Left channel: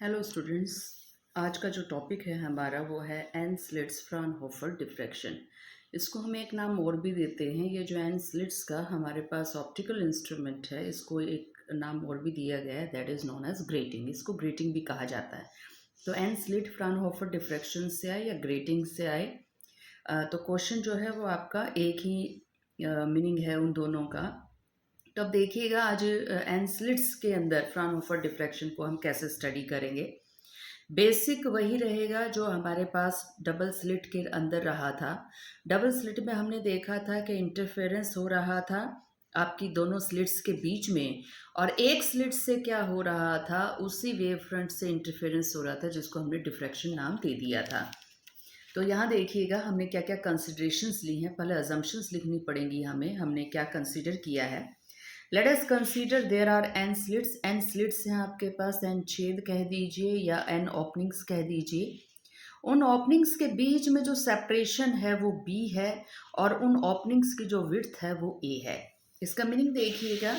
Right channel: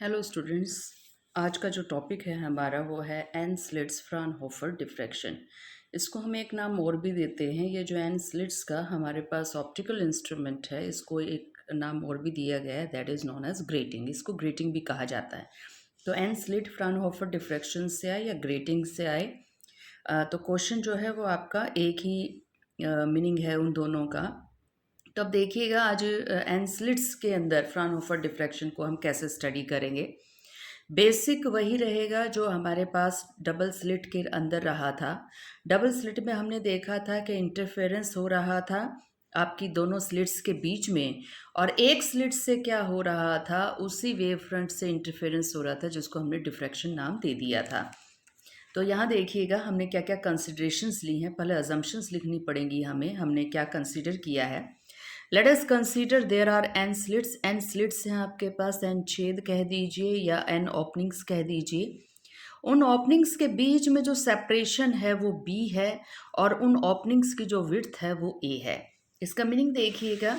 Hello students. आज का जो टॉपिक है हमारा वो है एन स्लिट्स फ्राउनहोफर डिफ्रैक्शन। इसको हम एक नाम और भी देते हैं। ये जो एन स्लिट्स का हमारे पास ऑप्टिकल इंस्ट्रूमेंट है, इसको एक नाम और भी दिया गया है, that is known as grating. इसको ग्रेटिंग भी कहा जाता है। तो एन स्लिट फ्राउनहोफर डिफ्रैक्शन से आए या ग्रेटिंग से आए, तो क्वेश्चन जो है वो आपका एक ही मीनिंग है उन दोनों का। तो अब देखिएगा आज एन स्लिट्स के अंदर फ्राउनहोफर डिफ्रैक्शन को हम कैसे स्टडी करेंगे। बेसिक वही रहेगा जो हमारे पास डबल स्लिट के अंदर रहा था। डबल स्लिट में हमने देखा था कि इंटरफेरेंस हो रहा था आपकी दोनों स्लिट्स के बीच में, और एक स्लिट से क्या हो रहा था, उसी वेव फ्रंट से इंटरफेरेंस हो रहा था, जिसको हमने डिफ्रैक्शन नाम दे दिया था। तो यहाँ देखिएगा हमने क्या क्या कंसिडरेशंस ली हैं। पहले अजम्पशंस लिखनी पड़ेंगी हमें, हमने क्या कंसीडर किया है। Let us consider there are N slits. N slits हैं आपके पास, एन छेद कह दीजिए या एन ओपनिंग्स कह दीजिए। उन ओपनिंग्स के बीच में जो सेपरेशन है वो बी है, और उन ओपनिंग्स की जो विड्थ है वो ए है। इसका मीनिंग देखिएगा,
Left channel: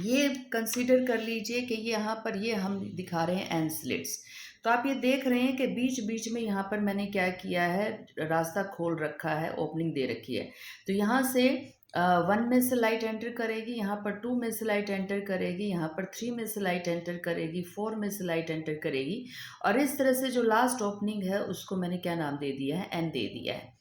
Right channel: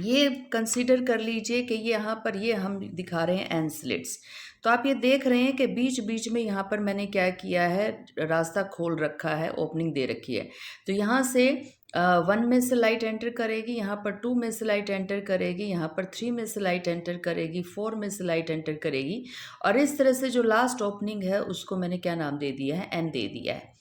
ये कंसीडर कर लीजिए कि ये यहाँ पर ये हम दिखा रहे हैं एन स्लिट्स। तो आप ये देख रहे हैं कि बीच बीच में यहाँ पर मैंने क्या किया है, रास्ता खोल रखा है, ओपनिंग दे रखी है। तो यहाँ से 1 में से लाइट एंटर करेगी, यहाँ पर 2 में से लाइट एंटर करेगी, यहाँ पर 3 में से लाइट एंटर करेगी, 4 में से लाइट एंटर करेगी, और इस तरह से जो लास्ट ओपनिंग है उसको मैंने क्या नाम दे दिया है, एन दे दिया है।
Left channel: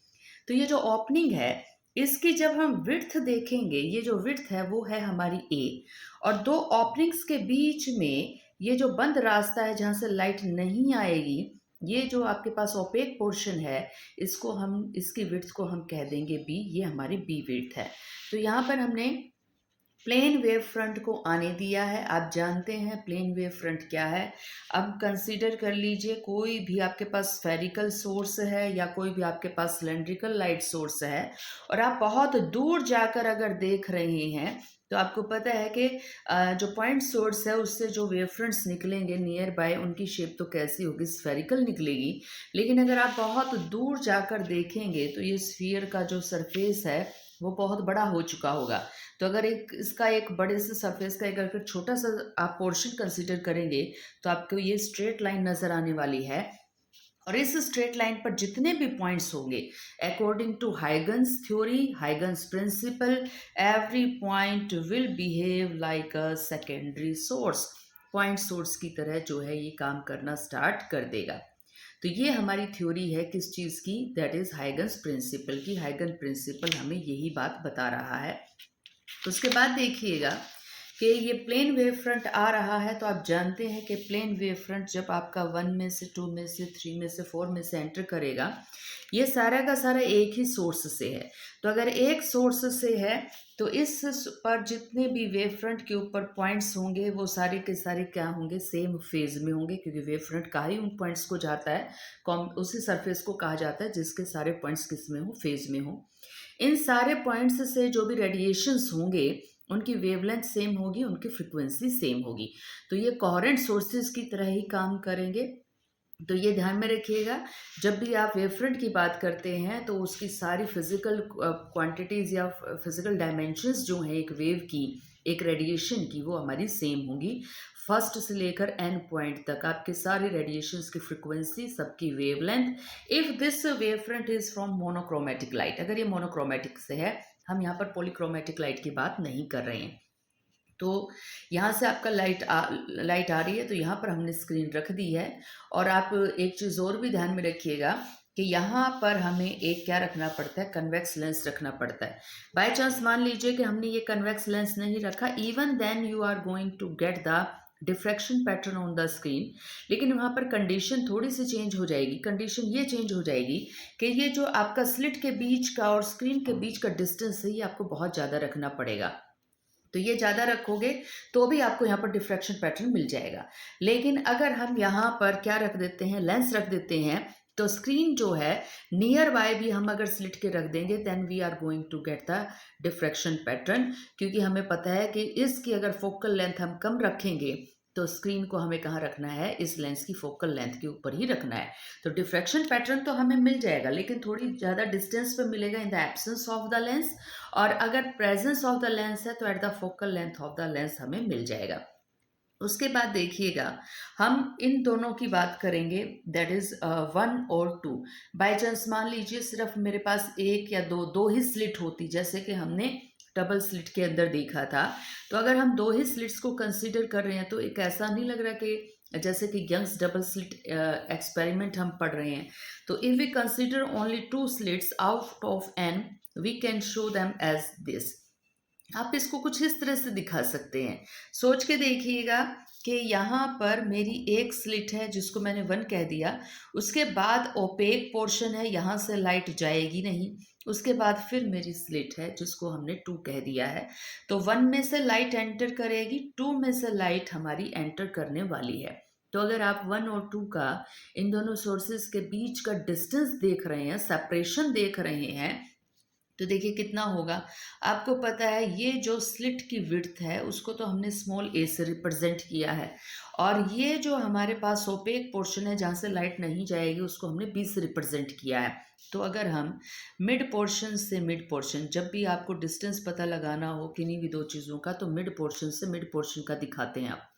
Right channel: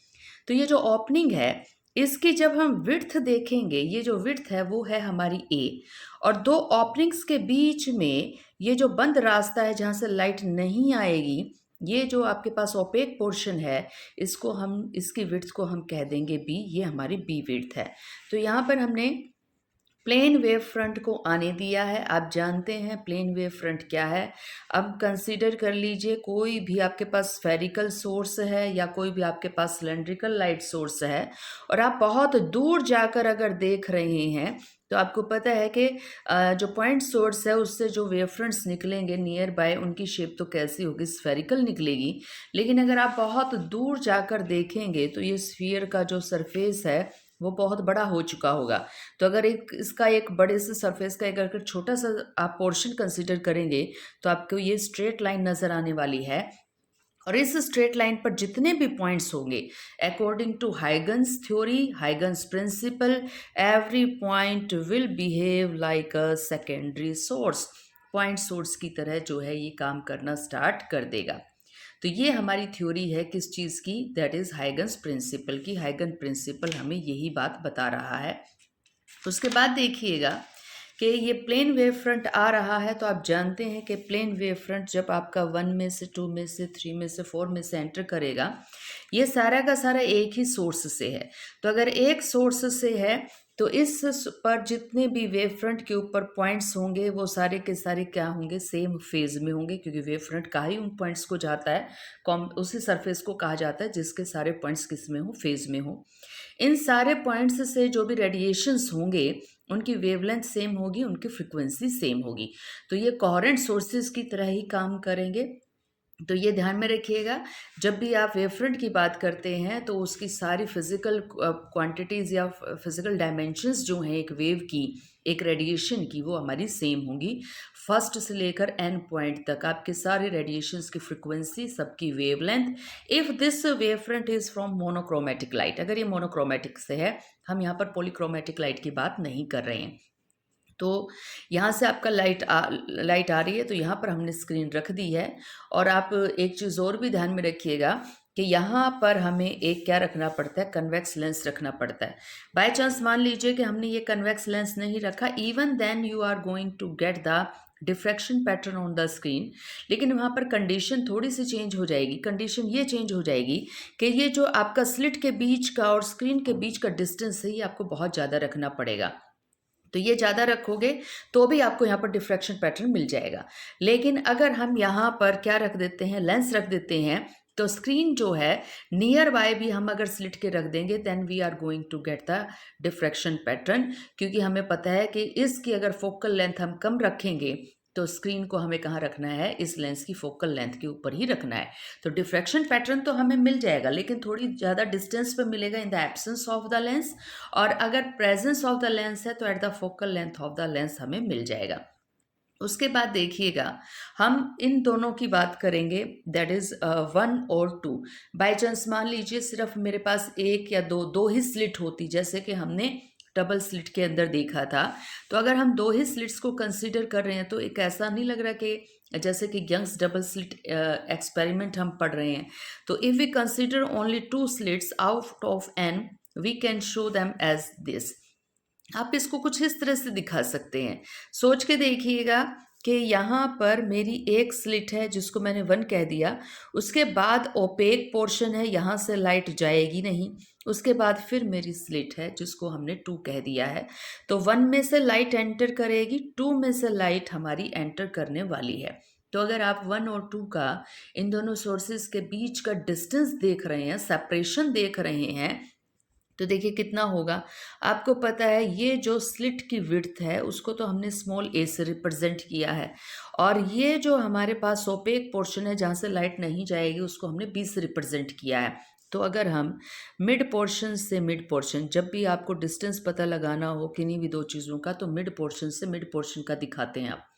तो ये जो ओपनिंग है इसकी जब हम विड्थ देखेंगे, ये जो विड्थ है वो है हमारी ए, और दो ओपनिंग्स के बीच में ये जो बंद रास्ता है जहाँ से लाइट नहीं आएगी, ये जो आपके पास ओपेक पोर्शन है, इसको हम, इसकी विड्थ को हम कह देंगे बी। ये हमारी बी विड्थ है। तो यहाँ पर हमने प्लेन वेव फ्रंट को आने दिया है। आप जानते हैं प्लेन वेव फ्रंट क्या है। अब कंसीडर कर लीजिए, कोई भी आपके पास स्फेरिकल सोर्स है या कोई भी आपके पास सिलेंड्रिकल लाइट सोर्स है, और आप बहुत दूर जाकर अगर देख रहे हैं तो आपको पता है कि जो पॉइंट सोर्स है उससे जो वेव फ्रंट्स निकलेंगे नियर बाय, उनकी शेप तो कैसी होगी, स्फेरिकल निकलेगी। लेकिन अगर आप बहुत दूर जाकर देखेंगे तो ये स्फीयर का जो सरफेस है वो बहुत बड़ा हो चुका होगा। तो अगर एक इसका एक बड़े से सरफेस का एक अगर छोटा सा आप पोर्शन कंसीडर करेंगे तो आपको ये स्ट्रेट लाइन नज़र आने वाली है, और इस स्ट्रेट लाइन पर जितने भी पॉइंट्स होंगे, according to Huygens theory, Huygens principle, every point will behave like a secondary source. Point source की तरह जो है ये काम करना स्टार्ट कर देगा। तो ये हमारी थ्योरी है किस चीज़ की, दैट इज़ हाइगन्स प्रिंसिपल की। हाइगन प्रिंसिपल हमें यही बात बता रहा है। उसके बाद देखिएगा कि ये प्लेन वेव फ्रंट आ रहा है, तो आप जानते हैं कि प्लेन वेव फ्रंट जब आपका 1 में से 2 में से 3 में से 4 में से एंटर करेगा, ये सारा का सारा एक ही सोर्स से है। तो अगर एक सोर्स से है तो इस पर जितने भी वेव फ्रंट के ऊपर पॉइंट्स होंगे वो सारे के सारे क्या होंगे, सेम फेज में होंगे, क्योंकि वेव फ्रंट का ही उन पॉइंट्स को जाता है, उसी सरफेस को कहा जाता है जिसके सारे पॉइंट्स किस में हो, फेज में हो। इन सारे पॉइंट्स से जो भी रेडिएशंस होंगे उनकी वेवलेंथ सेम होगी, उनकी फ्रिक्वेंसी सेम होगी। तो ये कोहेरेंट सोर्सेज की तरह ही काम करेंगे। तो ये ध्यान में रखिएगा, जब भी आप वेव फ्रंट की बात करते हैं तो उसकी सारी फिजिकल क्वांटिटीज़ या फिजिकल डायमेंशंस जो हैं एक वेव की, एक रेडिएशन की, वो हमारी सेम होंगी। फर्स्ट से लेकर एंड पॉइंट तक आपके सारे रेडिएशंस की फ्रिक्वेंसी, सबकी wavelength. If this wave front is from monochromatic light, अगर ये मोनोक्रोमेटिक से है, हम यहाँ पर पॉलीक्रोमेटिक लाइट की बात नहीं कर रहे हैं। तो यहाँ से आपका लाइट आ रही है, तो यहाँ पर हमने स्क्रीन रख दी है। और आप एक चीज़ और भी ध्यान में रखिएगा कि यहाँ पर हमें एक क्या रखना पड़ता है, कन्वेक्स लेंस रखना पड़ता है। बाय चांस मान लीजिए कि हमने ये कन्वेक्स लेंस नहीं रखा, even then you are going to get the diffraction pattern on the screen. लेकिन वहाँ पर कंडीशन थोड़ी सी चेंज हो जाएगी। कंडीशन ये चेंज हो जाएगी कि ये जो आपका स्लिट के बीच का और स्क्रीन के बीच का डिस्टेंस है, ये आपको बहुत ज़्यादा रखना पड़ेगा। तो ये ज़्यादा रखोगे तो भी आपको यहाँ पर डिफ्रैक्शन पैटर्न मिल जाएगा। लेकिन अगर हम यहाँ पर क्या रख देते हैं, लेंस रख देते हैं, तो स्क्रीन जो है नियर बाय भी हम अगर स्लिट के रख देंगे, then we are going to get the diffraction pattern. क्योंकि हमें पता है कि इसकी अगर फोकल लेंथ हम कम रखेंगे तो स्क्रीन को हमें कहाँ रखना है, इस लेंस की फोकल लेंथ के ऊपर ही रखना है। तो डिफ्रैक्शन पैटर्न तो हमें मिल जाएगा, लेकिन थोड़ी ज़्यादा डिस्टेंस पे मिलेगा in the absence of the lens. और अगर प्रेजेंस ऑफ द लेंस है तो at the focal length of the lens हमें मिल जाएगा। उसके बाद देखिएगा, हम इन दोनों की बात करेंगे, दैट इज 1 और 2। बाय चांस मान लीजिए सिर्फ मेरे पास एक या दो दो ही स्लिट होती, जैसे कि हमने डबल स्लिट के अंदर देखा था। तो अगर हम दो ही स्लिट्स को कंसीडर कर रहे हैं तो एक ऐसा नहीं लग रहा कि जैसे कि यंग्स डबल स्लिट एक्सपेरिमेंट हम पढ़ रहे हैं। तो if we consider only 2 slits out of n, we can show them as this. आप इसको कुछ इस तरह से दिखा सकते हैं। सोच के देखिएगा कि यहाँ पर मेरी एक स्लिट है जिसको मैंने 1 कह दिया, उसके बाद ओपेक पोर्शन है, यहाँ से लाइट जाएगी नहीं। उसके बाद फिर मेरी स्लिट है जिसको हमने 2 कह दिया है। तो 1 में से लाइट एंटर करेगी, 2 में से लाइट हमारी एंटर करने वाली है। तो अगर आप 1 और 2 का, इन दोनों सोर्सेज के बीच का डिस्टेंस देख रहे हैं, सेपरेशन देख रहे हैं, तो देखिए कितना होगा। आपको पता है ये जो स्लिट की विड्थ है उसको तो हमने स्मॉल a से रिप्रेजेंट किया है, और ये जो हमारे पास ओपेक पोर्शन है जहाँ से लाइट नहीं जाएगी उसको हमने b से रिप्रेजेंट किया है। तो अगर हम मिड पोर्शन से मिड पोर्शन, जब भी आपको डिस्टेंस पता लगाना हो किन्हीं भी दो चीज़ों का, तो मिड पोर्शन से मिड पोर्शन का दिखाते हैं आप।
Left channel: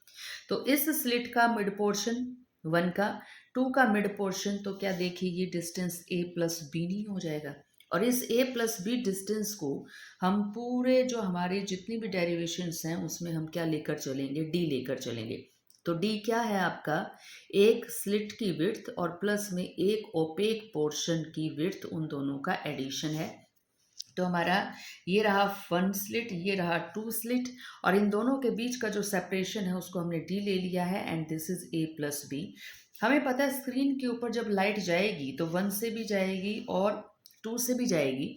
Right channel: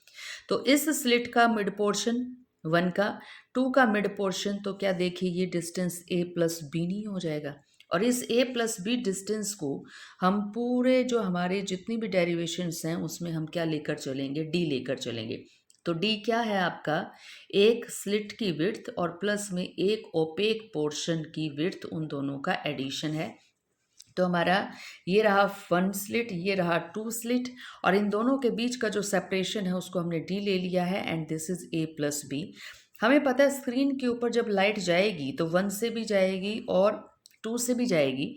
तो इस स्लिट का मिड पोर्शन 1 का, 2 का मिड पोर्शन, तो क्या देखिए ये डिस्टेंस a प्लस बी नहीं हो जाएगा। और इस a प्लस बी डिस्टेंस को हम पूरे जो हमारे जितनी भी डेरिवेशंस हैं उसमें हम क्या लेकर चलेंगे, d लेकर चलेंगे। तो d क्या है आपका, एक स्लिट की विड्थ और प्लस में एक ओपेक पोर्शन की विड्थ, उन दोनों का एडिशन है। तो हमारा ये रहा 1 स्लिट, ये रहा 2 स्लिट, और इन दोनों के बीच का जो सेपरेशन है उसको हमने d ले लिया है, and this is a plus B. हमें पता है स्क्रीन के ऊपर जब लाइट जाएगी तो 1 से भी जाएगी और 2 से भी जाएगी।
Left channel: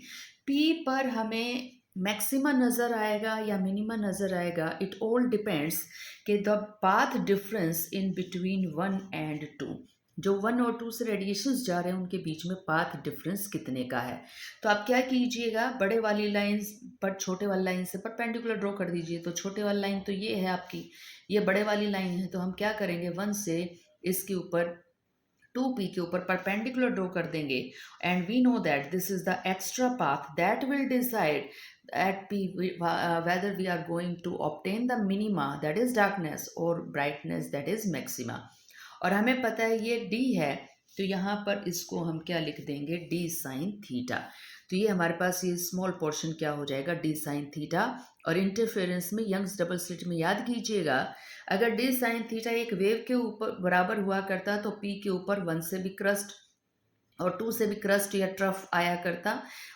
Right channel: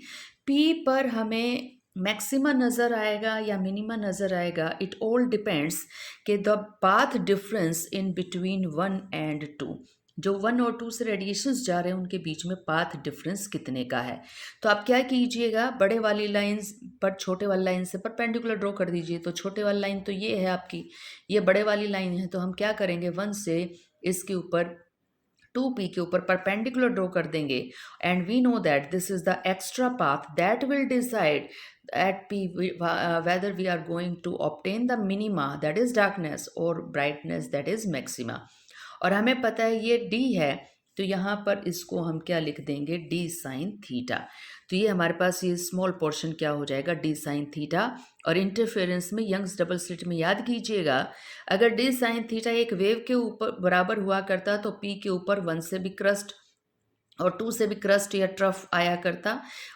P पर हमें मैक्सिमा नज़र आएगा या मिनिमा नज़र आएगा, इट ऑल डिपेंड्स कि the path difference in between 1 and 2, जो 1 और 2 से रेडिएशंस जा रहे हैं उनके बीच में पाथ डिफरेंस कितने का है। तो आप क्या कीजिएगा, बड़े वाली लाइंस पर छोटे वाली लाइन से परपेंडिकुलर ड्रॉ कर दीजिए। तो छोटे वाली लाइन तो ये है आपकी, ये बड़े वाली लाइन है, तो हम क्या करेंगे, 1 से इसके ऊपर 2p के ऊपर परपेंडिकुलर ड्रॉ कर देंगे, and we know that this is the extra path that will decide at p whether we are going to obtain the minima, that is darkness, or brightness, that is maxima। और हमें पता है ये d है, तो यहाँ पर इसको हम क्या लिख देंगे, d साइन थीटा। तो ये हमारे पास ये स्मॉल पोर्शन क्या हो जाएगा, d साइन थीटा। और इंटरफेरेंस में यंग्स डबल स्लिट में याद कीजिएगा, अगर d साइन थीटा एक वेव के ऊपर बराबर हुआ करता तो p के ऊपर 1 से भी क्रस्ट और 2 से भी क्रस्ट या ट्रफ आया करता,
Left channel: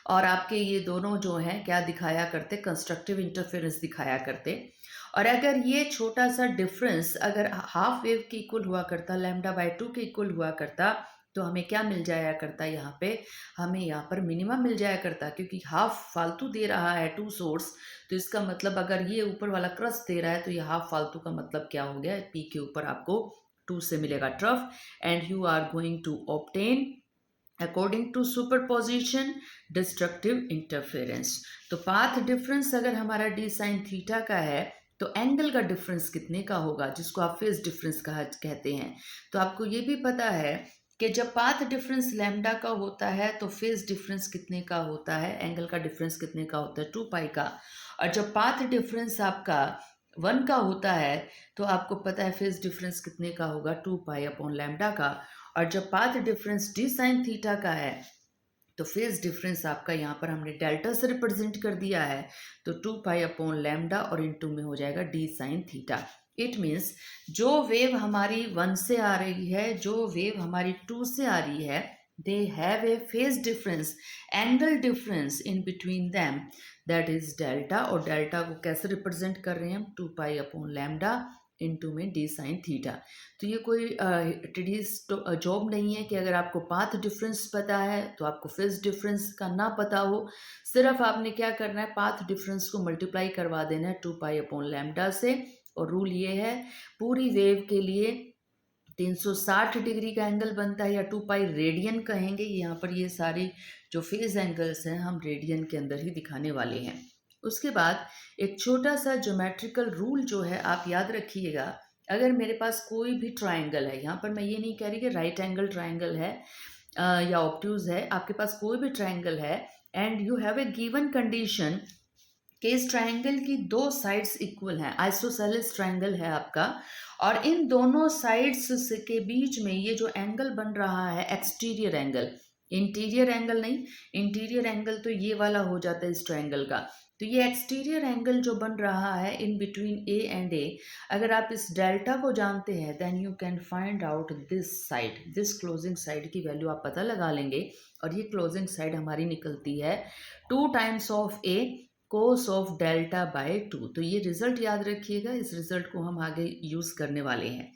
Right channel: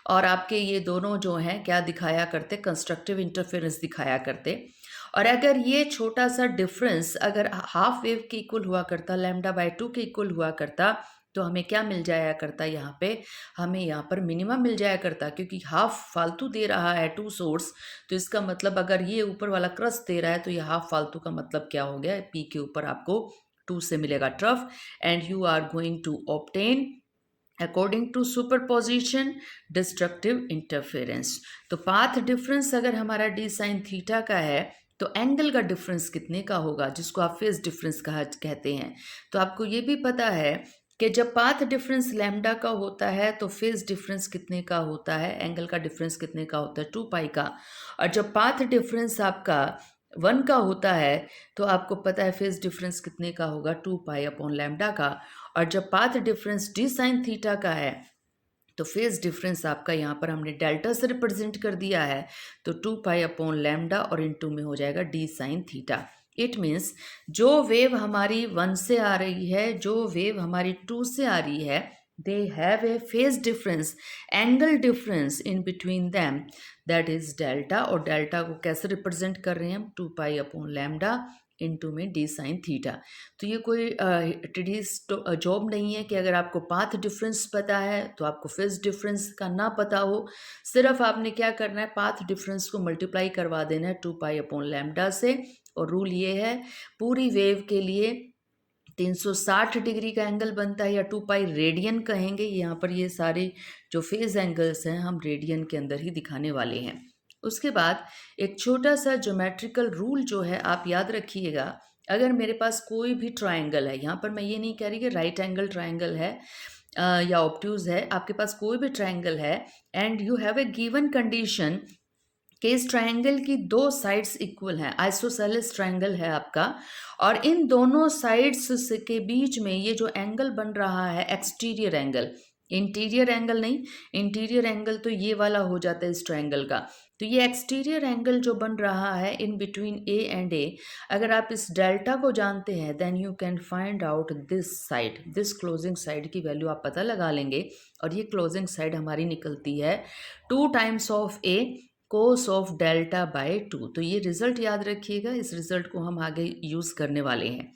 और आपके ये दोनों जो हैं क्या दिखाया करते, कंस्ट्रक्टिव इंटरफेरेंस दिखाया करते। और अगर ये छोटा सा डिफरेंस अगर हाफ वेव के इक्वल हुआ करता, λ/2 के इक्वल हुआ करता, तो हमें क्या मिल जाया करता, यहाँ पे हमें यहाँ पर मिनिमम मिल जाया करता, क्योंकि हाफ फालतू दे रहा है 2 सोर्स। तो इसका मतलब अगर ये ऊपर वाला क्रस्ट दे रहा है तो ये हाफ फालतू का मतलब क्या हो गया, पी के ऊपर आपको 2 से मिलेगा trough, and you are going to obtain according to superposition destructive interference. तो पाथ डिफरेंस अगर हमारा डी साइन थीटा का है तो एंगल का डिफरेंस कितने का होगा, जिसको आप फेज डिफरेंस कहा कहते हैं। तो आपको ये भी पता है कि जब पाथ डिफरेंस लैम्डा का होता है तो फेज डिफरेंस कितने का होता है, एंगल का डिफरेंस कितने का होता है, 2 पाई का। और जब पाथ डिफरेंस आपका 1 का होता है तो आपको पता है फेज डिफरेंस कितने का होगा, 2 पाई अपॉन लैम्डा का। और जब path difference D sine theta का है तो फेज डिफरेंस आपका यहाँ पर हमने डेल्टा से रिप्रेजेंट कर दिया है, तो 2 पाई अपॉन लैम्डा और इनटू में हो जाएगा D sine theta. It means जो वेव हमारी 1 से आ रही है, जो वेव हमारी 2 से आ रही है, they have a phase difference, angle difference in between them, that is delta. और डेल्टा को कैसे रिप्रेजेंट कर रहे हैं हम, 2 पाई अपॉन लैम्डा इनटू में डी साइन थीटा। तो ये कोई टिडीज जॉब नहीं है कि अगर आपको पाथ डिफरेंस पता है तो आपको फेज डिफरेंस का ना पता हो। सिर्फ आपने क्या करना है, पाथ डिफरेंस को मल्टीप्लाई करवा देना है 2 पाई अपॉन लैम्डा से। और रूल ये है, पूरी वेव के लिए 360 डिग्री का एंगल बनता है, या 2 पाई रेडियन कहेंगे। यहाँ पर ये सारे जो फेज एंगल्स हैं हम रेडियन के अंदर ही दिखाने वाले हैं। उसके बाद एक छोटा सा ज्योमेट्रिकल रूल जो है आप याद रखिएगा, अगर मेरे पास कोई भी ट्रायंगल है, यहाँ पर मैं ये नहीं कह रही कि राइट एंगल ट्रायंगल है या ऑब्ट्यूज है, आपके पास कोई भी ट्रायंगल है and you have a given condition कि इस ट्रायंगल की दो साइड्स इक्वल हैं, आइसोसेलेस ट्रायंगल है आपका, और इन दोनों साइड्स के बीच में ये जो एंगल बन रहा है एक्सटीरियर एंगल, इंटीरियर एंगल नहीं, इंटीरियर एंगल तो ये वाला हो जाता है इस ट्रायंगल का। तो ये एक्सटीरियर एंगल जो बन रहा है इन बिटवीन ए एंड ए, अगर आप इस डेल्टा को जानते हैं then you can find out this side, this closing side की वैल्यू आप पता लगा लेंगे। और ये क्लोजिंग साइड हमारी निकलती है 2 times of A cos of delta by 2। तो ये रिजल्ट याद रखिएगा, इस रिजल्ट को हम आगे यूज़ करने वाले हैं।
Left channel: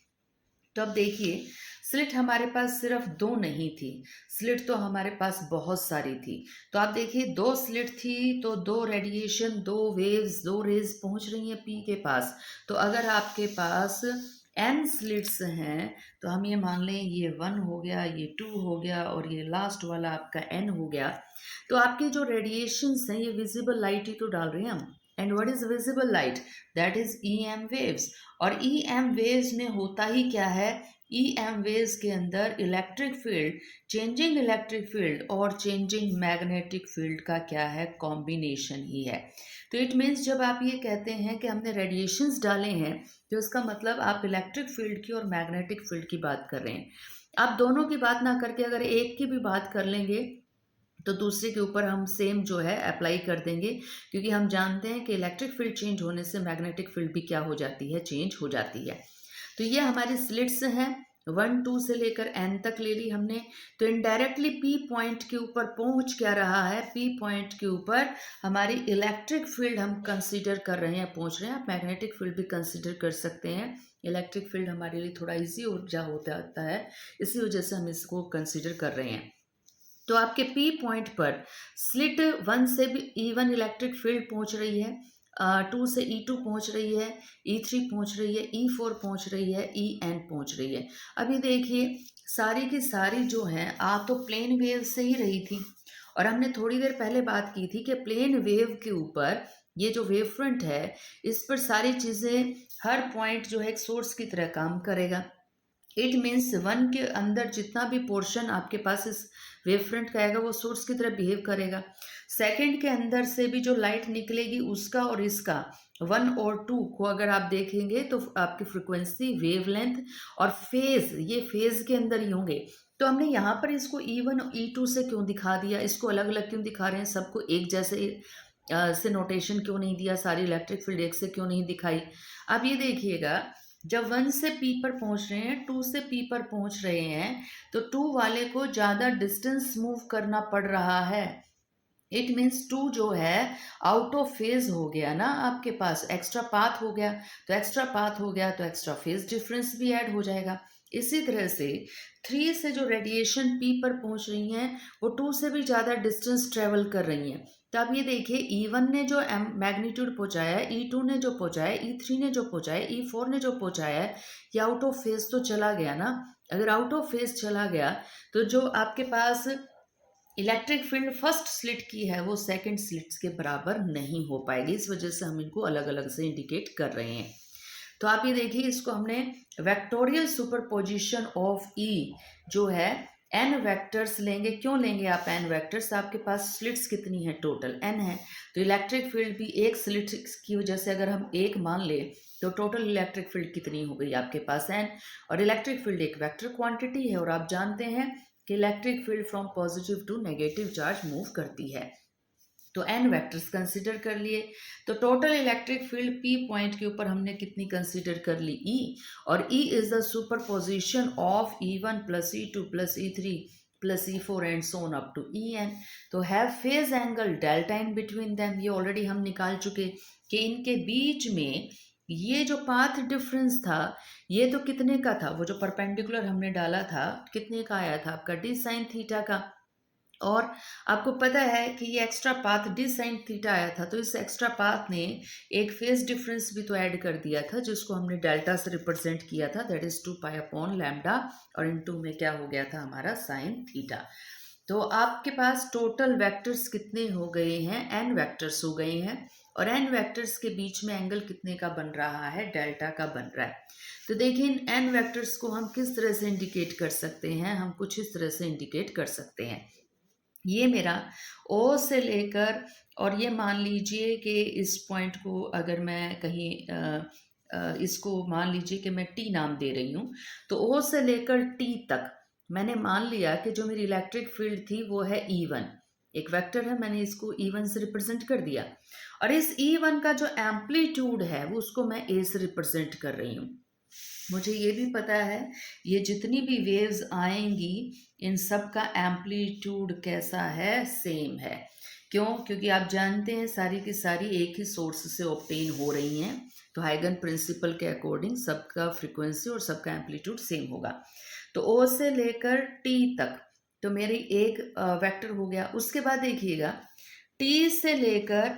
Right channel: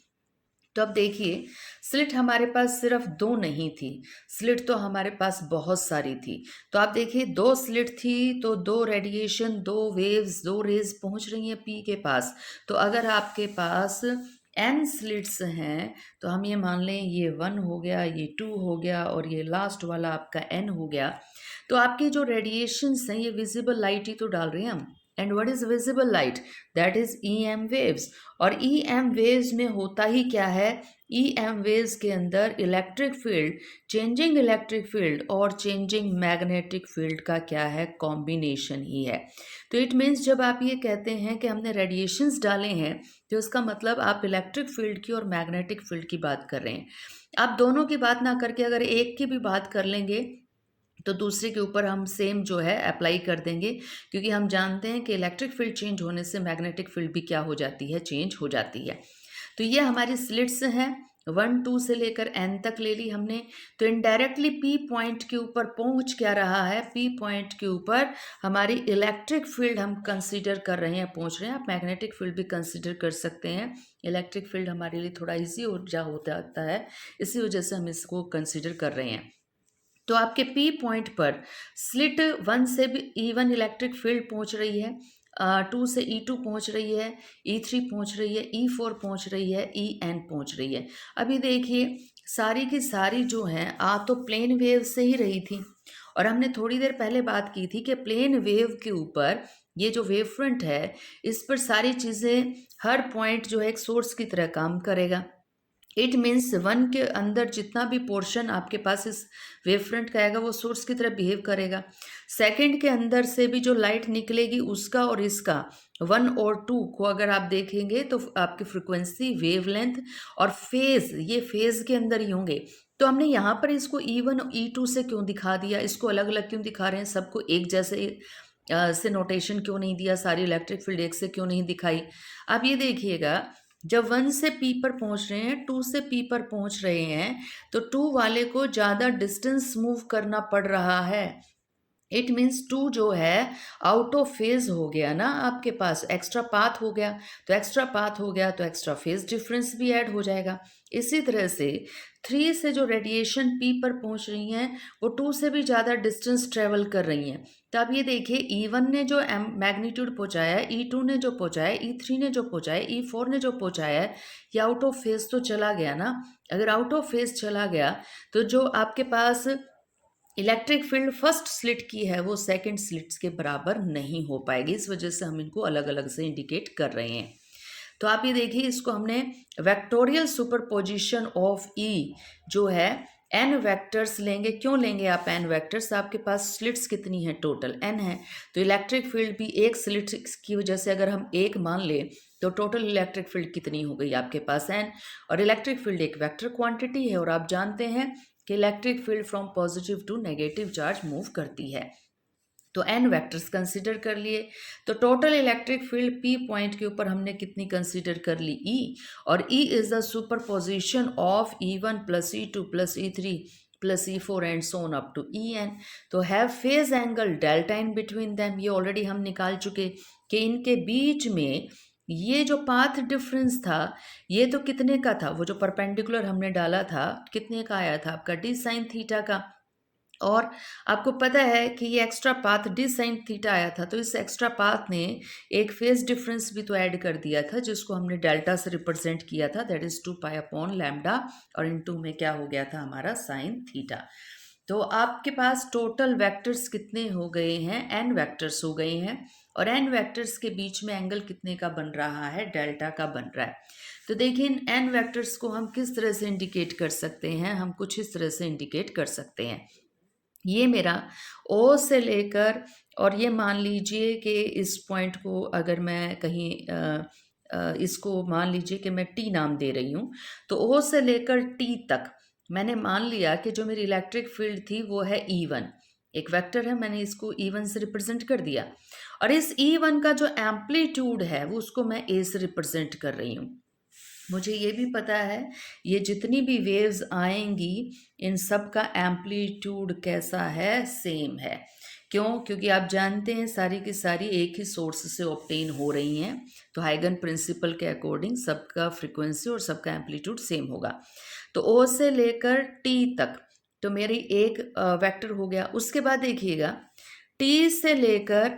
तो अब देखिए, स्लिट हमारे पास सिर्फ दो नहीं थी, स्लिट तो हमारे पास बहुत सारी थी। तो आप देखिए, दो स्लिट थी तो दो रेडिएशन, दो वेव्स, दो रेज पहुंच रही हैं पी के पास। तो अगर आपके पास n स्लिट्स हैं तो हम ये मान लें ये 1 हो गया, ये 2 हो गया और ये लास्ट वाला आपका n हो गया। तो आपके जो रेडिएशंस हैं ये विजिबल लाइट ही तो डाल रहे हैं हम। And what is visible light? That is EM waves. और EM वेव्स में होता ही क्या है? EM वेव्स के अंदर electric field, changing electric field और चेंजिंग मैग्नेटिक फील्ड का क्या है? कॉम्बिनेशन ही है। तो इट मीन्स जब आप ये कहते हैं कि हमने रेडिएशंस डाले हैं तो इसका मतलब आप इलेक्ट्रिक फील्ड की और मैग्नेटिक फील्ड की बात कर रहे हैं। आप दोनों की बात ना करके अगर एक की भी बात कर लेंगे तो दूसरे के ऊपर हम सेम जो है अप्लाई कर देंगे, क्योंकि हम जानते हैं कि इलेक्ट्रिक फील्ड चेंज होने से मैग्नेटिक फील्ड भी क्या हो जाती है? चेंज हो जाती है। तो ये हमारी स्लिट्स हैं, 1 2 से लेकर n तक ले ली हमने। तो इनडायरेक्टली P पॉइंट के ऊपर पहुंच क्या रहा है? P पॉइंट के ऊपर हमारी इलेक्ट्रिक फील्ड हम कंसीडर कर रहे हैं, पहुंच रहे हैं। आप मैग्नेटिक फील्ड भी कंसीडर कर सकते हैं, इलेक्ट्रिक फील्ड हमारे लिए थोड़ा ईजी ऊर्जा होता है, इसी वजह से हम इसको कंसीडर कर रहे हैं। तो आपके P पॉइंट पर स्लिट 1 से भी E1 इलेक्ट्रिक फील्ड पहुंच रही है, 2 से E2 पहुंच रही है, E3 पहुंच रही है, E4 पहुंच रही है, EN पहुंच रही है। अभी देखिए, सारी की सारी जो हैं आ तो प्लेन वेव से ही रही थी, और हमने थोड़ी देर पहले बात की थी कि प्लेन वेव के ऊपर ये जो वेव फ्रंट है इस पर सारी चीज़ें, हर पॉइंट जो है एक सोर्स की तरह काम करेगा। इट मीन्स 1 के अंदर जितना भी पोर्शन आपके पास इस वेव फ्रंट का आएगा वो सोर्स की तरह बिहेव करेगा। सेकंड के अंदर से भी जो लाइट निकलेगी उसका और इसका 1 और 2 को अगर आप देखेंगे तो आपकी फ्रिक्वेंसी, वेवलेंथ और फेज, ये फेज के अंदर ही होंगे। तो हमने यहाँ पर इसको E1 और E2 से क्यों दिखा दिया, इसको अलग अलग क्यों दिखा रहे हैं, सबको एक जैसे से नोटेशन क्यों नहीं दिया, सारी इलेक्ट्रिक फील्ड एक से क्यों नहीं दिखाई? अब ये देखिएगा, जब 1 से P पर पहुंच रहे हैं, 2 से P पर पहुंच रहे हैं, तो 2 वाले को ज़्यादा डिस्टेंस मूव करना पड़ रहा है। इट मीन्स 2 जो है आउट ऑफ फेज हो गया ना, आपके पास एक्स्ट्रा पाथ हो गया। तो एक्स्ट्रा पाथ हो गया तो एक्स्ट्रा फेज डिफरेंस भी ऐड हो जाएगा। इसी तरह से 3 से जो रेडिएशन P पर पहुंच रही हैं वो 2 से भी ज़्यादा डिस्टेंस ट्रेवल कर रही हैं। तो आप ये देखिए, E1 ने जो मैग्नीट्यूड पहुंचाया है, E2 ने जो पहुंचाया है, E3 ने जो पहुंचाया है, E4 ने जो पहुंचाया है, ये आउट ऑफ फेज तो चला गया ना। अगर आउट ऑफ फेज चला गया तो जो आपके पास इलेक्ट्रिक फील्ड फर्स्ट स्लिट की है वो सेकंड स्लिट्स के बराबर नहीं हो पाएगी। इस वजह से हम इनको अलग अलग से इंडिकेट कर रहे हैं। तो आप ये देखिए, इसको हमने वेक्टोरियल सुपरपोजिशन ऑफ E जो है n वेक्टर्स लेंगे। क्यों लेंगे आप n वेक्टर्स? आपके पास स्लिट्स कितनी है? टोटल n है। तो इलेक्ट्रिक फील्ड भी एक स्लिट की वजह से अगर हम एक मान लें तो टोटल इलेक्ट्रिक फील्ड कितनी हो गई आपके पास? n। और इलेक्ट्रिक फील्ड एक वेक्टर क्वांटिटी है और आप जानते हैं कि electric field from positive to negative charge move करती है। तो n वेक्टर्स कंसीडर कर लिए। तो total electric field P point के ऊपर हमने कितनी कंसीडर कर ली? E। और E is the superposition of E1 plus E2 plus E3 plus E4 and so on up to En। तो have phase angle delta in between them, ये already हम निकाल चुके कि इनके बीच में ये जो पाथ डिफरेंस था ये तो कितने का था? वो जो परपेंडिकुलर हमने डाला था कितने का आया था? आपका d साइन थीटा का। और आपको पता है कि ये extra path d sine theta आया था, तो इस एक्स्ट्रा पाथ ने एक फेज डिफरेंस भी तो ऐड कर दिया था जिसको हमने डेल्टा से रिप्रेजेंट किया था, that is 2 pi upon lambda, और इन 2 में क्या हो गया था हमारा? Sine theta. तो आपके पास टोटल वेक्टर्स कितने हो गए हैं? n वेक्टर्स हो गए हैं। और n वेक्टर्स के बीच में एंगल कितने का बन रहा है? डेल्टा का बन रहा है। तो देखिए, इन n वेक्टर्स को हम किस तरह से इंडिकेट कर सकते हैं? हम कुछ इस तरह से इंडिकेट कर सकते हैं। ये मेरा ओ से लेकर, और ये मान लीजिए कि इस पॉइंट को अगर मैं कहीं इसको मान लीजिए कि मैं टी नाम दे रही हूँ, तो ओ से लेकर टी तक मैंने मान लिया कि जो मेरी इलेक्ट्रिक फील्ड थी वो है E1। एक वेक्टर है, मैंने इसको E1 से रिप्रेजेंट कर दिया, और इस E1 का जो एम्पलीट्यूड है वो उसको मैं ए से रिप्रेजेंट कर रही हूँ। मुझे ये भी पता है ये जितनी भी वेव्स आएंगी इन सब का एम्पलीट्यूड कैसा है, सेम है। क्यों? क्योंकि आप जानते हैं सारी की सारी एक ही सोर्स से ऑब्टेन हो रही हैं, तो हाइगन प्रिंसिपल के अकॉर्डिंग सबका फ्रीक्वेंसी और सबका एम्पलीट्यूड सेम होगा। तो ओ से लेकर टी तक तो मेरी एक वेक्टर हो गया। उसके बाद देखिएगा टी से लेकर,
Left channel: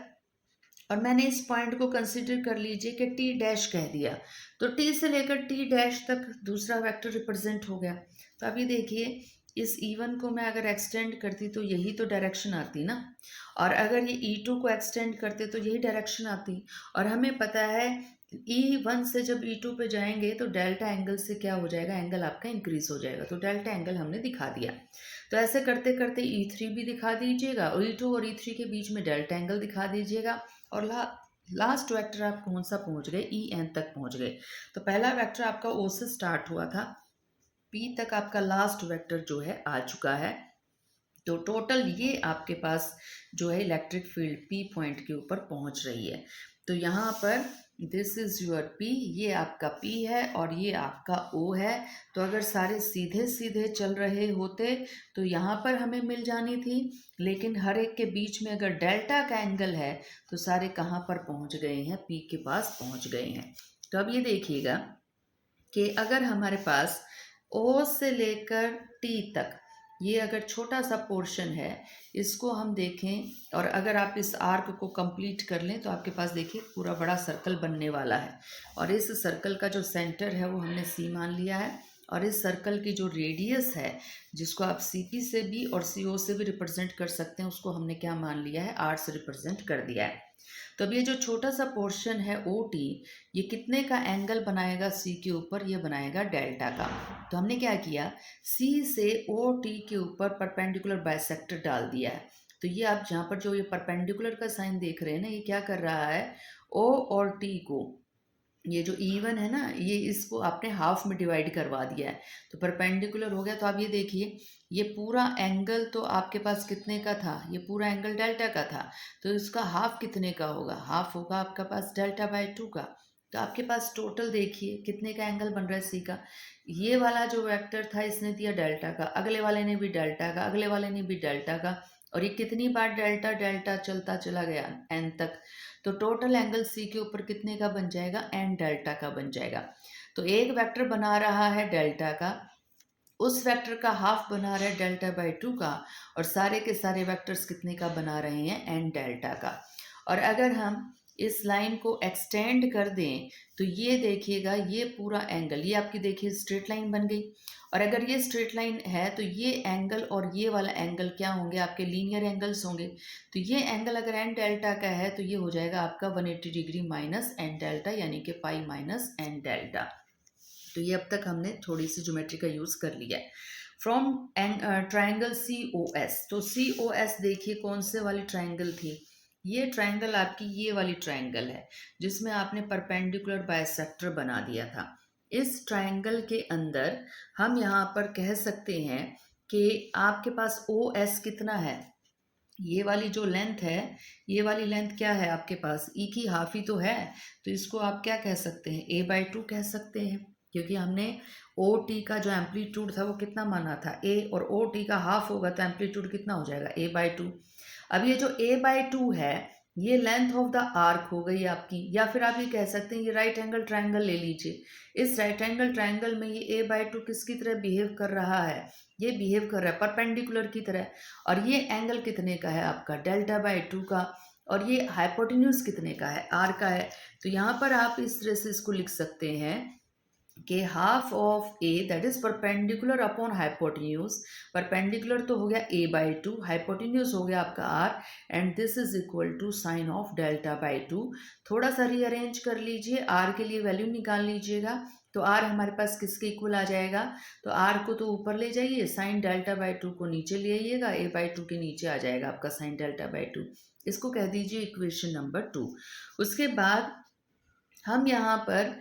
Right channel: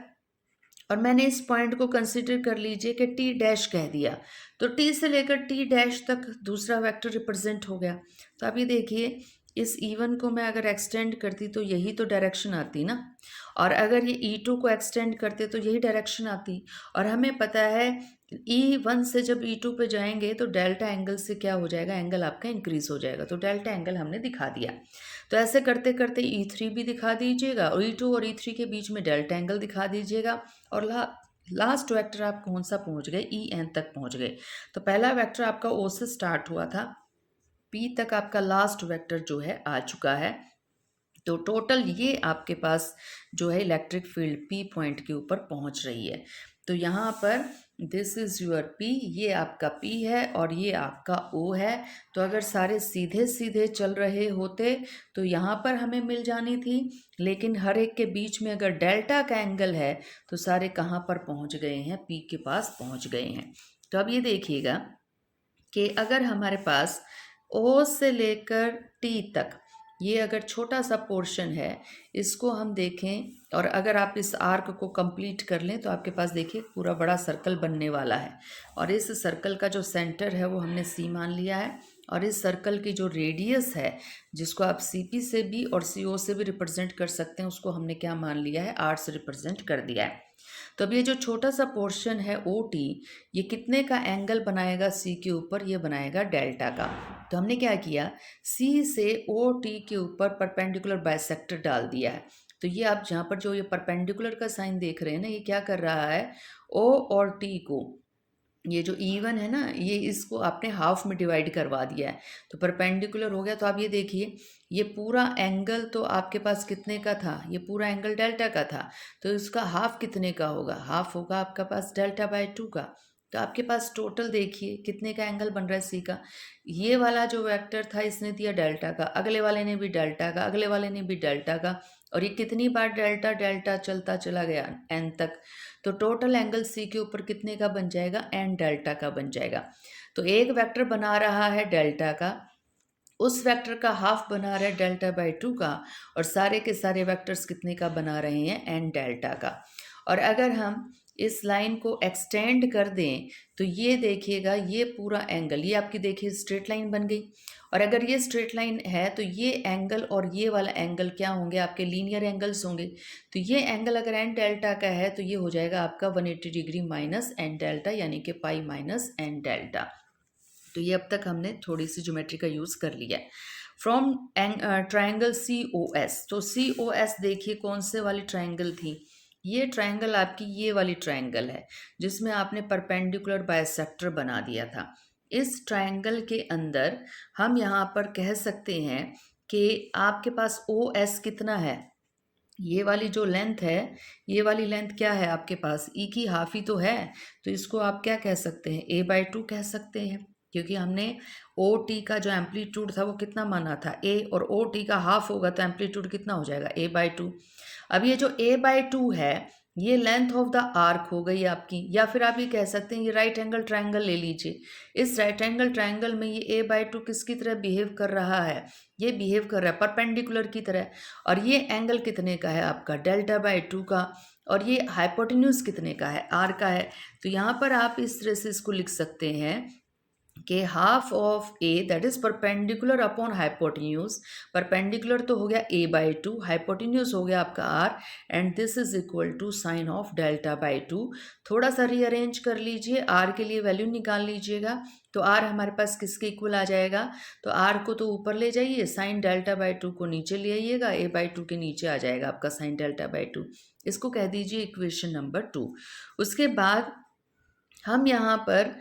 और मैंने इस पॉइंट को कंसिडर कर लीजिए कि टी डैश कह दिया, तो टी से लेकर टी डैश तक दूसरा वेक्टर रिप्रेजेंट हो गया। तो अब ये देखिए इस E1 को मैं अगर एक्सटेंड करती तो यही तो डायरेक्शन आती ना, और अगर ये E2 को एक्सटेंड करते तो यही डायरेक्शन आती। और हमें पता है E1 से जब E2 पे जाएंगे तो डेल्टा एंगल से क्या हो जाएगा, एंगल आपका इंक्रीज हो जाएगा। तो डेल्टा एंगल हमने दिखा दिया। तो ऐसे करते करते E3 भी दिखा दीजिएगा, और E2 और E3 के बीच में डेल्टा एंगल दिखा दीजिएगा, और लास्ट वेक्टर आप कौन सा पहुंच गए, En तक पहुंच गए। तो पहला वेक्टर आपका O से स्टार्ट हुआ था, P तक आपका लास्ट वेक्टर जो है आ चुका है। तो टोटल ये आपके पास जो है इलेक्ट्रिक फील्ड P पॉइंट के ऊपर पहुंच रही है। तो यहाँ पर दिस इज योर P, ये आपका P है और ये आपका O है। तो अगर सारे सीधे सीधे चल रहे होते तो यहाँ पर हमें मिल जानी थी, लेकिन हर एक के बीच में अगर डेल्टा का एंगल है तो सारे कहाँ पर पहुँच गए हैं, P के पास पहुँच गए हैं। तो अब ये देखिएगा कि अगर हमारे पास O से लेकर T तक ये अगर छोटा सा पोर्शन है, इसको हम देखें और अगर आप इस आर्क को कंप्लीट कर लें तो आपके पास देखिए पूरा बड़ा सर्कल बनने वाला है। और इस सर्कल का जो सेंटर है वो हमने C मान लिया है, और इस सर्कल की जो रेडियस है जिसको आप CP से भी और CO से भी रिप्रेजेंट कर सकते हैं, उसको हमने क्या मान लिया है, R से रिप्रेजेंट कर दिया है। तो अब ये जो छोटा सा पोर्शन है OT, ये कितने का एंगल बनाएगा C के ऊपर, ये बनाएगा डेल्टा का। तो हमने क्या किया, C से OT के ऊपर परपेंडिकुलर बाइसेक्टर डाल दिया है। तो ये आप जहाँ पर जो ये परपेंडिकुलर का साइन देख रहे हैं ना, ये क्या कर रहा है, O और T को, ये जो E1 है ना, ये इसको आपने हाफ में डिवाइड करवा दिया है, तो परपेंडिकुलर हो गया। तो आप ये देखिए ये पूरा एंगल तो आपके पास कितने का था, ये पूरा एंगल डेल्टा का था, तो इसका हाफ कितने का होगा, हाफ होगा आपके पास डेल्टा बाय 2 का। तो आपके पास टोटल देखिए कितने का एंगल बन रहा है C का। ये वाला जो वेक्टर था इसने दिया डेल्टा का, अगले वाले ने भी डेल्टा का, अगले वाले ने भी डेल्टा का, और ये कितनी बार डेल्टा डेल्टा चलता चला गया N तक। तो टोटल एंगल C के ऊपर कितने का बन जाएगा, N डेल्टा का बन जाएगा। तो एक वेक्टर बना रहा है डेल्टा का, उस वेक्टर का हाफ बना रहा है डेल्टा बाय 2 का, और सारे के सारे वेक्टर्स कितने का बना रहे हैं, N डेल्टा का। और अगर हम इस लाइन को एक्सटेंड कर दें तो ये देखिएगा ये पूरा एंगल, ये आपकी देखिए स्ट्रेट लाइन बन गई। और अगर ये स्ट्रेट लाइन है तो ये एंगल और ये वाला एंगल क्या होंगे, आपके लीनियर एंगल्स होंगे। तो ये एंगल अगर एन डेल्टा का है तो ये हो जाएगा आपका 180 डिग्री माइनस एन डेल्टा, यानी कि पाई माइनस एन डेल्टा। तो ये अब तक हमने थोड़ी सी ज्योमेट्री का यूज़ कर लिया है। फ्रॉम ट्राइंगल COS, तो COS देखिए कौन से वाली ट्राइंगल थी, ये ट्राइंगल आपकी ये वाली ट्राइंगल है जिसमें आपने परपेंडिकुलर बाइसेक्टर बना दिया था। इस ट्राइंगल के अंदर हम यहाँ पर कह सकते हैं कि आपके पास OS कितना है, ये वाली जो लेंथ है, ये वाली लेंथ क्या है आपके पास, E की हाफ ही तो है। तो इसको आप क्या कह सकते हैं, A/2 कह सकते हैं, क्योंकि हमने OT का जो एम्पलीट्यूड था वो कितना माना था, A, और OT का हाफ होगा तो एम्पलीट्यूड कितना हो जाएगा, A/2। अब ये जो A/2 है ये लेंथ ऑफ द आर्क हो गई आपकी, या फिर आप ये कह सकते हैं ये राइट एंगल ट्रायंगल ले लीजिए। इस राइट एंगल ट्रायंगल में ये A/2 किसकी तरह बिहेव कर रहा है, ये बिहेव कर रहा है परपेंडिकुलर की तरह। और ये एंगल कितने का है आपका, डेल्टा बाय 2 का, और ये हाइपोटेन्यूज कितने का है, R का है। तो यहाँ पर आप इस तरह से इसको लिख सकते हैं कि half of A that is perpendicular upon hypotenuse, perpendicular तो हो गया ए बाई टू, हाइपोटेन्यूज हो गया आपका R, and this is equal to sine of delta by two. थोड़ा सा रीअरेंज कर लीजिए, आर के लिए वैल्यू निकाल लीजिएगा, तो आर हमारे पास किसके इक्वल आ जाएगा, तो आर को तो ऊपर ले जाइए, साइन डेल्टा बाई टू को नीचे ले आइएगा, ए बाई टू के नीचे आ जाएगा आपका साइन डेल्टा बाई टू। इसको कह दीजिए इक्वेशन नंबर 2। उसके बाद हम यहाँ पर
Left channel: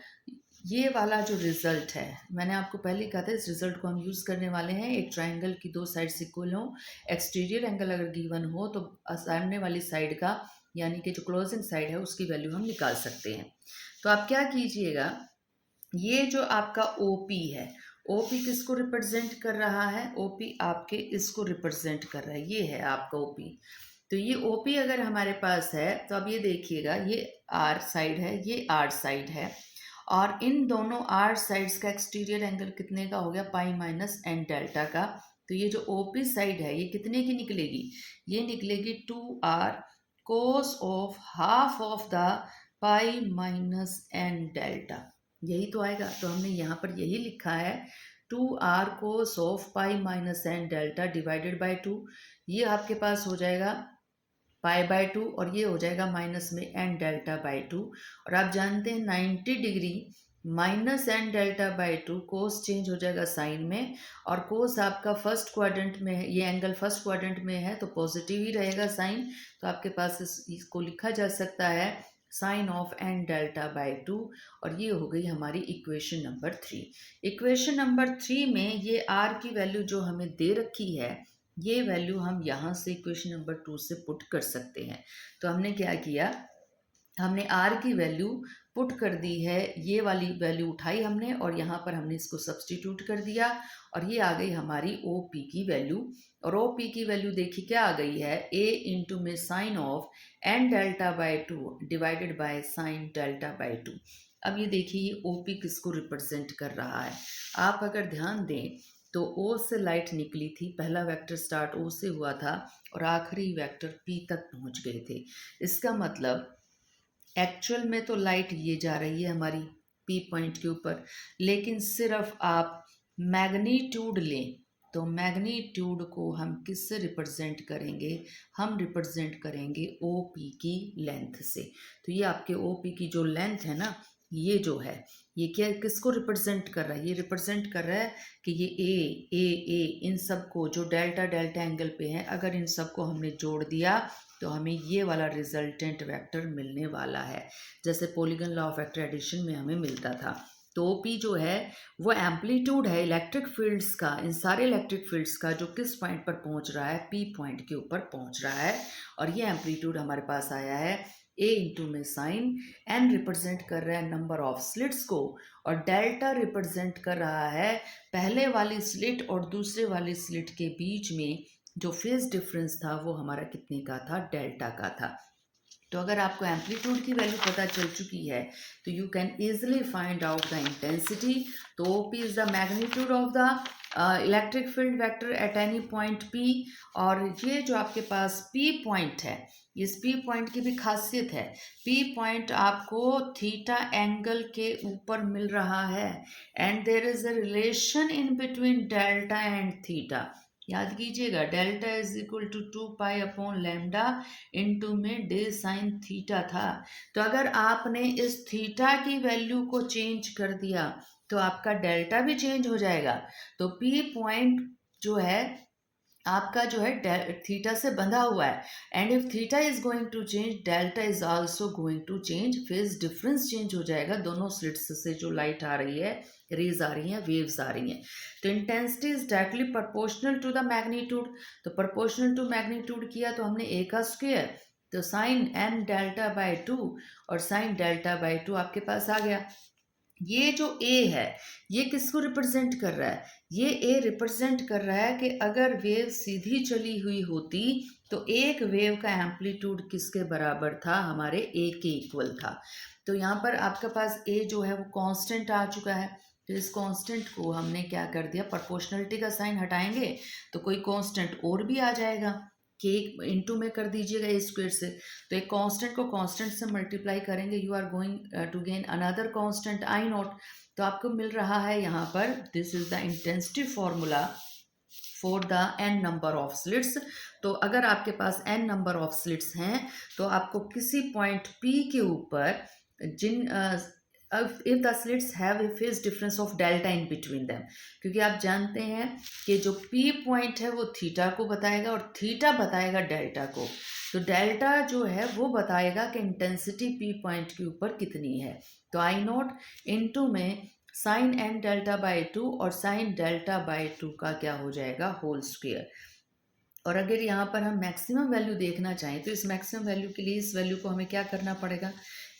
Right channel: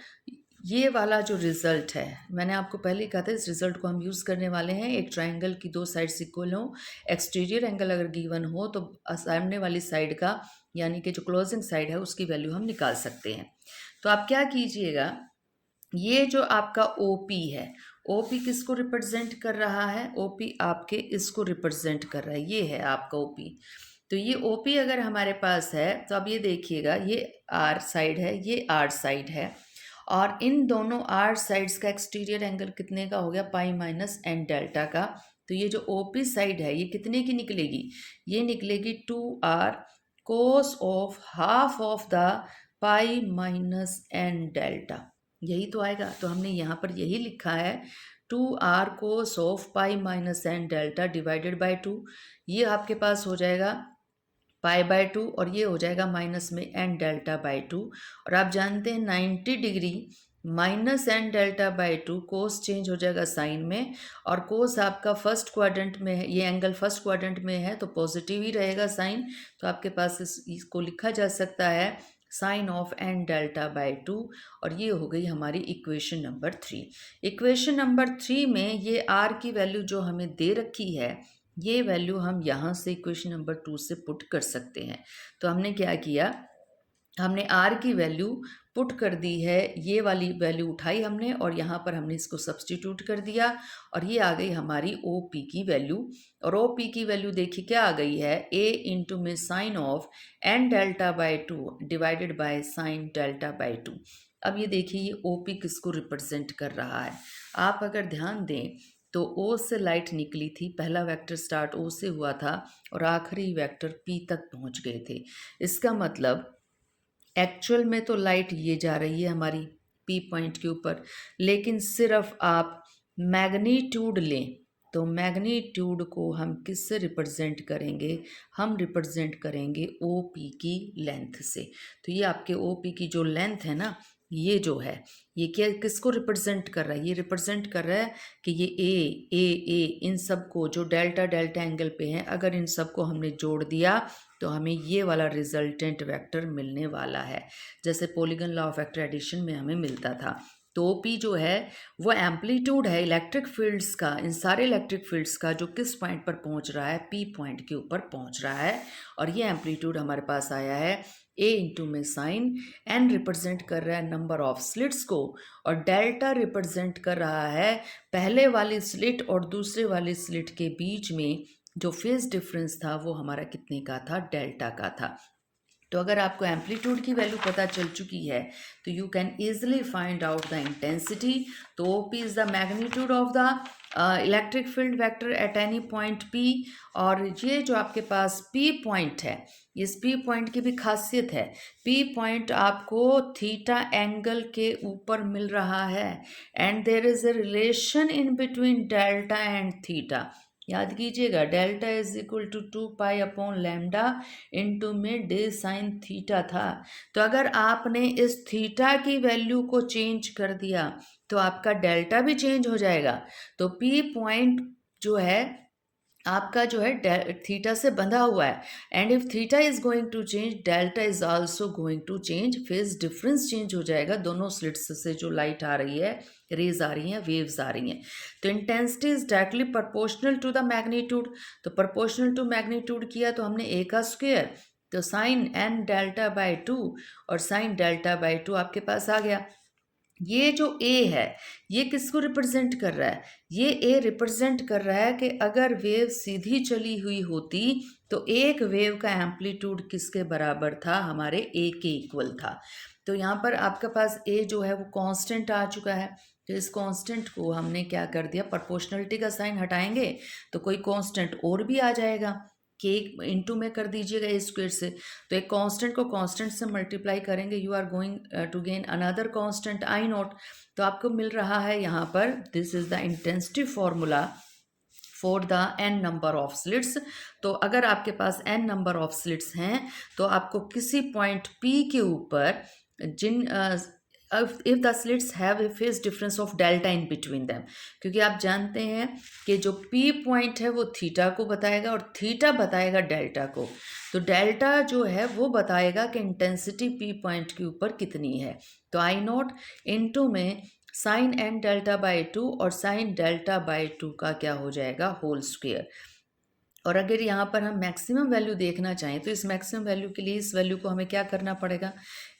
ये वाला जो रिजल्ट है, मैंने आपको पहले ही कहा था इस रिजल्ट को हम यूज़ करने वाले हैं। एक ट्राइंगल की दो साइड्स इक्वल हो, एक्सटीरियर एंगल अगर गिवन हो तो सामने वाली साइड का यानी कि जो क्लोजिंग साइड है उसकी वैल्यू हम निकाल सकते हैं। तो आप क्या कीजिएगा, ये जो आपका ओपी है, ओपी किसको रिप्रेजेंट कर रहा है, ओपी आपके इसको रिप्रेजेंट कर रहा है, ये है आपका ओपी। तो ये ओपी अगर हमारे पास है तो अब ये देखिएगा, ये आर साइड है, ये आर साइड है, और इन दोनों आर साइड्स का एक्सटीरियर एंगल कितने का हो गया, पाई माइनस एन डेल्टा का। तो ये जो ओपी साइड है ये कितने की निकलेगी, ये निकलेगी 2r cos of half of the pi minus N delta, यही तो आएगा। तो हमने यहाँ पर यही लिखा है 2r cos of pi minus N delta divided by 2, ये आपके पास हो जाएगा पाई बाई टू, और ये हो जाएगा माइनस में एन डेल्टा बाई टू। और आप जानते हैं 90 degree minus N delta by two, cos change हो जाएगा साइन में, और कोस आपका फर्स्ट क्वाड्रेंट में है, ये एंगल फर्स्ट क्वाड्रेंट में है तो पॉजिटिव ही रहेगा साइन। तो आपके पास इसको लिखा जा सकता है sine of N delta by two, और ये हो गई हमारी इक्वेशन नंबर 3। इक्वेशन नंबर 3 में ये आर की वैल्यू जो हमें दे रखी है, ये वैल्यू हम यहाँ से इक्वेशन नंबर 2 से पुट कर सकते हैं। तो हमने क्या किया, हमने आर की वैल्यू पुट कर दी है, ये वाली वैल्यू उठाई हमने और यहाँ पर हमने इसको सब्सटीट्यूट कर दिया, और ये आ गई हमारी ओ पी की वैल्यू। और ओ पी की वैल्यू देखिए क्या आ गई है, ए इंटू में sine of N delta by two divided by sine delta by two. अब ये देखिए ये ओ पी किसको रिप्रेजेंट कर रहा है, आप अगर ध्यान दें तो ओ से लाइट निकली थी, पहला वेक्टर स्टार्ट ओ से हुआ था और आखिरी वेक्टर पी तक पहुंच गए थे। इसका मतलब एक्चुअल में तो लाइट ये जा रही है हमारी पी पॉइंट के ऊपर, लेकिन सिर्फ आप मैग्नीट्यूड लें तो मैग्नीट्यूड को हम किससे रिप्रेजेंट करेंगे, हम रिप्रेजेंट करेंगे ओ पी की लेंथ से। तो ये आपके ओ पी की जो लेंथ है ना, ये जो है ये क्या किसको रिप्रेजेंट कर रहा है, ये रिप्रेजेंट कर रहा है कि ये ए इन सब को जो डेल्टा डेल्टा एंगल पे हैं, अगर इन सब को हमने जोड़ दिया तो हमें ये वाला रिजल्टेंट वेक्टर मिलने वाला है, जैसे polygon law of vector addition में हमें मिलता था। तो पी जो है वो एम्पलीट्यूड है इलेक्ट्रिक फील्ड्स का, इन सारे इलेक्ट्रिक फील्ड्स का जो किस पॉइंट पर पहुंच रहा है, पी पॉइंट के ऊपर पहुंच रहा है। और ये एम्पलीट्यूड हमारे पास आया है ए इंटू में साइन, एन रिप्रेजेंट कर रहा है नंबर ऑफ स्लिट्स को, और डेल्टा रिप्रेजेंट कर रहा है पहले वाली स्लिट और दूसरे वाली स्लिट के बीच में जो फेज डिफरेंस था वो हमारा कितने का था, डेल्टा का था। तो अगर आपको एम्पलीट्यूड की वैल्यू पता चल चुकी है तो you can easily find out the intensity. तो O P is the magnitude of the electric field vector at any point P. और ये जो आपके पास पी पॉइंट है, इस पी पॉइंट की भी खासियत है, पी पॉइंट आपको थीटा एंगल के ऊपर मिल रहा है, and there is a relation in between delta and theta. याद कीजिएगा delta is equal to 2 pi upon lambda into में डे साइन थीटा था। तो अगर आपने इस थीटा की वैल्यू को चेंज कर दिया तो आपका डेल्टा भी चेंज हो जाएगा। तो पी पॉइंट जो है आपका जो है थीटा से बंधा हुआ है, and if theta is going to change delta is also going to change, phase difference change हो जाएगा, दोनों स्लिट्स से जो लाइट आ रही है, रेज आ रही हैं, वेव्स आ रही हैं। तो intensity is directly proportional to the magnitude, तो प्रोपोर्शनल टू मैग्नीट्यूड किया तो हमने ए का स्क्वायर, तो sine N delta by two और साइन डेल्टा बाई टू आपके पास आ गया। ये जो ए है ये किसको रिप्रेजेंट कर रहा है, ये ए रिप्रेजेंट कर रहा है कि अगर वेव सीधी चली हुई होती तो एक वेव का एम्पलीट्यूड किसके बराबर था, हमारे ए के इक्वल था। तो यहाँ पर आपके पास ए जो है वो कांस्टेंट आ चुका है, तो इस कांस्टेंट को हमने क्या कर दिया, प्रोपोर्शनलिटी का साइन हटाएंगे तो कोई कांस्टेंट और भी आ जाएगा। के इंटू में कर दीजिएगा ए स्क्वेयर से, तो एक कांस्टेंट को कांस्टेंट से मल्टीप्लाई करेंगे, you are going to gain another constant I naught. तो आपको मिल रहा है यहाँ पर, this is the intensity formula for the N number of slits. तो अगर आपके पास एन नंबर ऑफ स्लिट्स हैं तो आपको किसी पॉइंट पी के ऊपर जिन if the slits have a phase difference of delta in between them, क्योंकि आप जानते हैं कि जो पी पॉइंट है वो थीटा को बताएगा और थीटा बताएगा डेल्टा को। तो डेल्टा जो है वो बताएगा कि इंटेंसिटी पी पॉइंट के ऊपर कितनी है। तो आई नॉट इनटू में साइन एन डेल्टा बाई 2 और साइन डेल्टा बाई 2 का क्या हो जाएगा, होल स्क्वेयर। और अगर यहाँ पर हम मैक्सिमम वैल्यू देखना चाहें तो इस मैक्सिमम वैल्यू के लिए इस वैल्यू को हमें क्या करना पड़ेगा,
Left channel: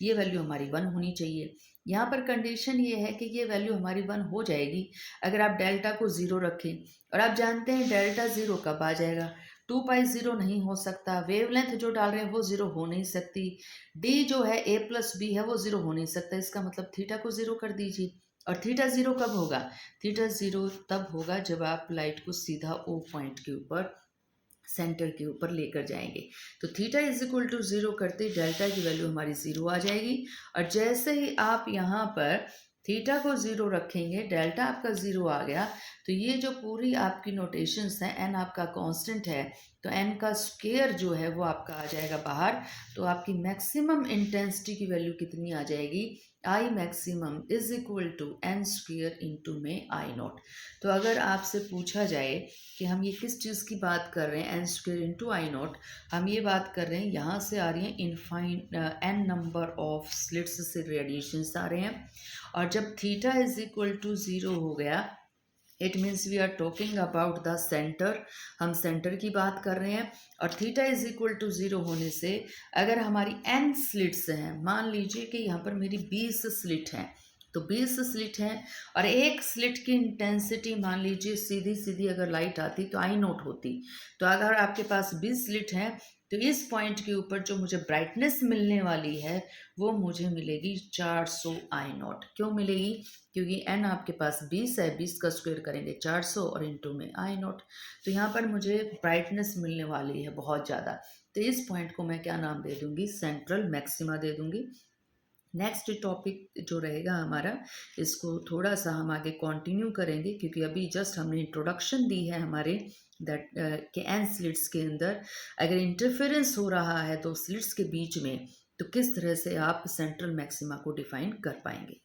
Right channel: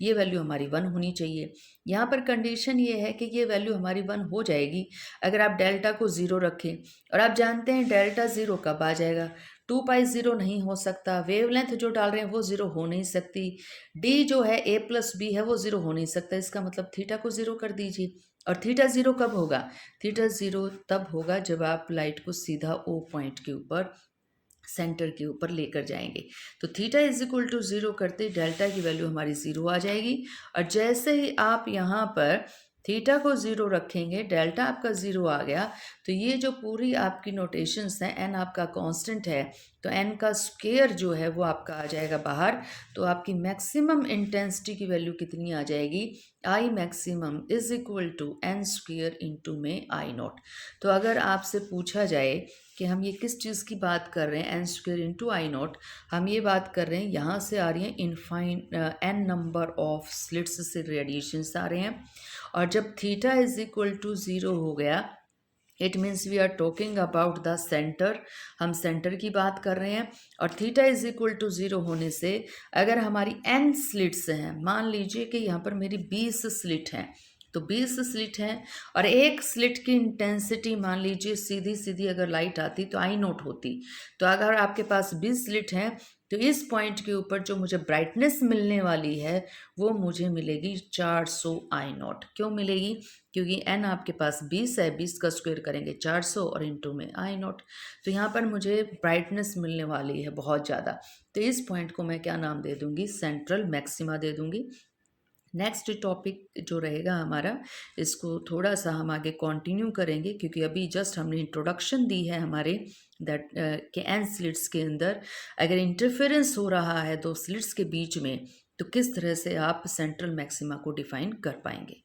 ये वैल्यू हमारी 1 होनी चाहिए। यहाँ पर कंडीशन ये है कि ये वैल्यू हमारी 1 हो जाएगी अगर आप डेल्टा को 0 रखें, और आप जानते हैं डेल्टा 0 कब आ जाएगा, 2 पाई 0 नहीं हो सकता, वेवलेंथ जो डाल रहे हैं वो 0 हो नहीं सकती, डी जो है ए प्लस बी है वो 0 हो नहीं सकता, इसका मतलब थीटा को 0 कर दीजिए। और थीटा 0 कब होगा, थीटा 0 तब होगा जब आप लाइट को सीधा ओ पॉइंट के ऊपर, सेंटर के ऊपर लेकर जाएंगे। तो थीटा इज इक्वल टू 0 करते डेल्टा की वैल्यू हमारी 0 आ जाएगी। और जैसे ही आप यहाँ पर थीटा को 0 रखेंगे, डेल्टा आपका 0 आ गया, तो ये जो पूरी आपकी नोटेशंस हैं, एन आपका कांस्टेंट है तो एन का स्क्वायर जो है वो आपका आ जाएगा बाहर। तो आपकी मैक्सिमम इंटेंसिटी की वैल्यू कितनी आ जाएगी, I maximum is equal to N square into में आई नॉट। तो अगर आपसे पूछा जाए कि हम ये किस चीज़ की बात कर रहे हैं, N square into I naught, हम ये बात कर रहे हैं, यहाँ से आ रही हैं इनफाइन एन नंबर ऑफ स्लिट्स से रेडिएशंस आ रहे हैं। और जब थीटा इज इक्वल टू 0 हो गया, it means we are talking about the centre, हम सेंटर की बात कर रहे हैं। और थीटा इज इक्वल टू 0 होने से अगर हमारी एन स्लिट्स हैं, मान लीजिए कि यहाँ पर मेरी 20 स्लिट हैं, तो 20 स्लिट हैं और एक स्लिट की इंटेंसिटी मान लीजिए सीधी सीधी अगर लाइट आती तो आई नॉट होती। तो अगर आपके पास 20 स्लिट हैं तो इस पॉइंट के ऊपर जो मुझे ब्राइटनेस मिलने वाली है वो मुझे मिलेगी 400 आई नॉट। क्यों मिलेगी, क्योंकि एन आपके पास 20 है, 20 का स्क्वायर करेंगे 400 और इंटू में आई नॉट। तो यहाँ पर मुझे ब्राइटनेस मिलने वाली है बहुत ज़्यादा, तो इस पॉइंट को मैं क्या नाम दे दूँगी, सेंट्रल मैक्सिमा दे दूँगी। नेक्स्ट टॉपिक जो रहेगा हमारा, इसको थोड़ा सा हम आगे कंटिन्यू करेंगे, क्योंकि अभी जस्ट हमने इंट्रोडक्शन दी है हमारे दैट के एन स्लिट्स के अंदर अगर इंटरफेरेंस हो रहा है दो स्लिट्स के बीच में तो किस तरह से आप सेंट्रल मैक्सिमा को डिफाइन कर पाएंगे।